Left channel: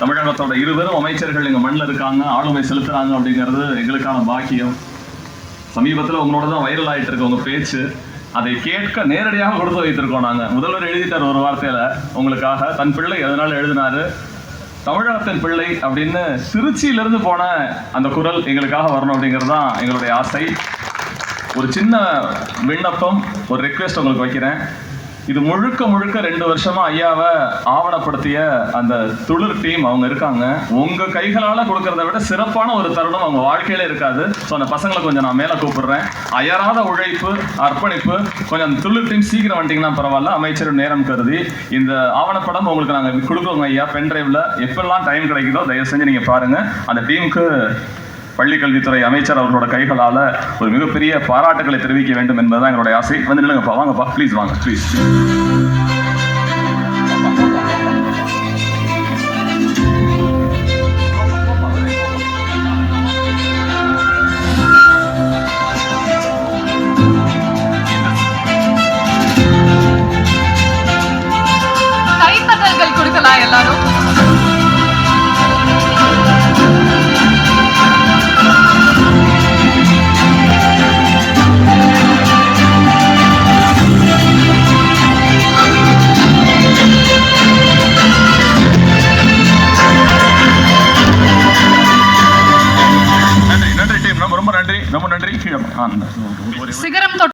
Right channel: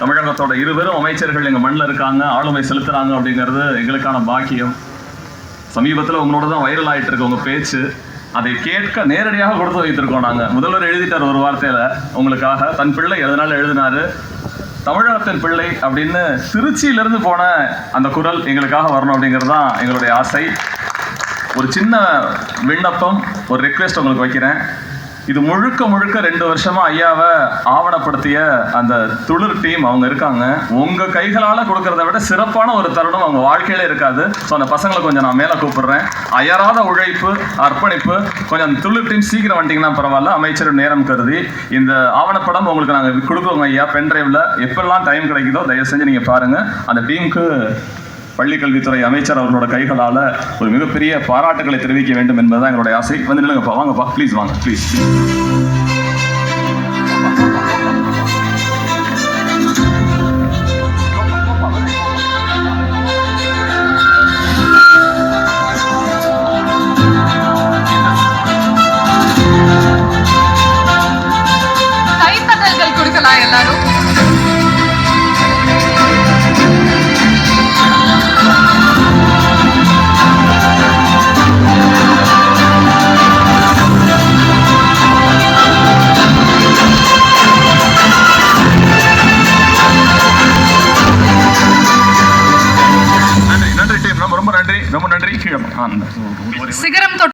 தமிழகத்தோட இருவரும் அமைச்சர்கள் எங்க மண்ணில் இருக்காங்க, ஆளுமை செலுத்துறாங்க அப்படிங்கிறது எங்களுக்கான பாக்கியம். சமீபத்தில் உங்களோட தான் வைரல் ஆயிட்டு இருக்க உங்க பேச்சு, அதை கேட்க நேரடியாக கொடுத்து வைத்திருக்கோம். நாங்க முதல்வர் எழுதிட்டார் ஒரு வார்த்தையில உங்களுக்காக, தன் பிள்ளை எதனால எழுதினாரு, தமிழகத்தின் பிள்ளை அப்படின்னு திருச்சியிலிருந்து போன அந்த குரல் எங்களுக்காக வரணும் அப்படிங்கிறது தான் எங்களுடைய ஆசை. ஒரு சின்ன விண்ணப்பம், ஒரு ரெக்வெஸ்ட் உங்களுக்கு வைக்கிறேன். இது முழுக்க 2 வருஷமா ஐயாவை ஆவணப்படுத்திய அந்த துளிர் டீம் அவங்க இருக்காங்க. உங்க கைகளால கொடுக்கறத விட சிறப்பான ஒரு தருணம் அவங்க வாழ்க்கையில இருக்காது. ஸோ அந்த பசங்களை கொஞ்சம் நான் மேலே கூப்பிடுறேன். அயராத உழைப்பு, அர்ப்பணிப்பு. கொஞ்சம் அந்த துளிர் டீம் சீக்கிரம் வந்துட்டீங்கன்னா பரவாயில்ல, அமைச்சர் நேரம் கருதி. இந்த ஆவணப்படம் உங்களுக்கு நாங்கள் கொடுக்குறோங்க ஐயா, பென்ட்ரைவ்ல எப்பெல்லாம் டைம் கிடைக்குதோ தயவு செஞ்சு நீங்க பாருங்க. அந்த டீமுக்கு பள்ளிக்கல்வித்துறை அமைச்சர் அவர்களோட கைகளால் ஒரு மிகப்பெரிய பாராட்டுகளை தெரிவிக்க வேண்டும் என்பதுதான் எங்களுடைய ஆசை. வந்து நில்லுங்கப்பா, வாங்கப்பா, ப்ளீஸ் வாங்க, ப்ளீஸ். கைத்தட்டல்கள் கொடுக்கலாம் எல்லாரும். நன்றி டீம், ரொம்ப நன்றி, ரொம்ப நன்றி. சிகரம்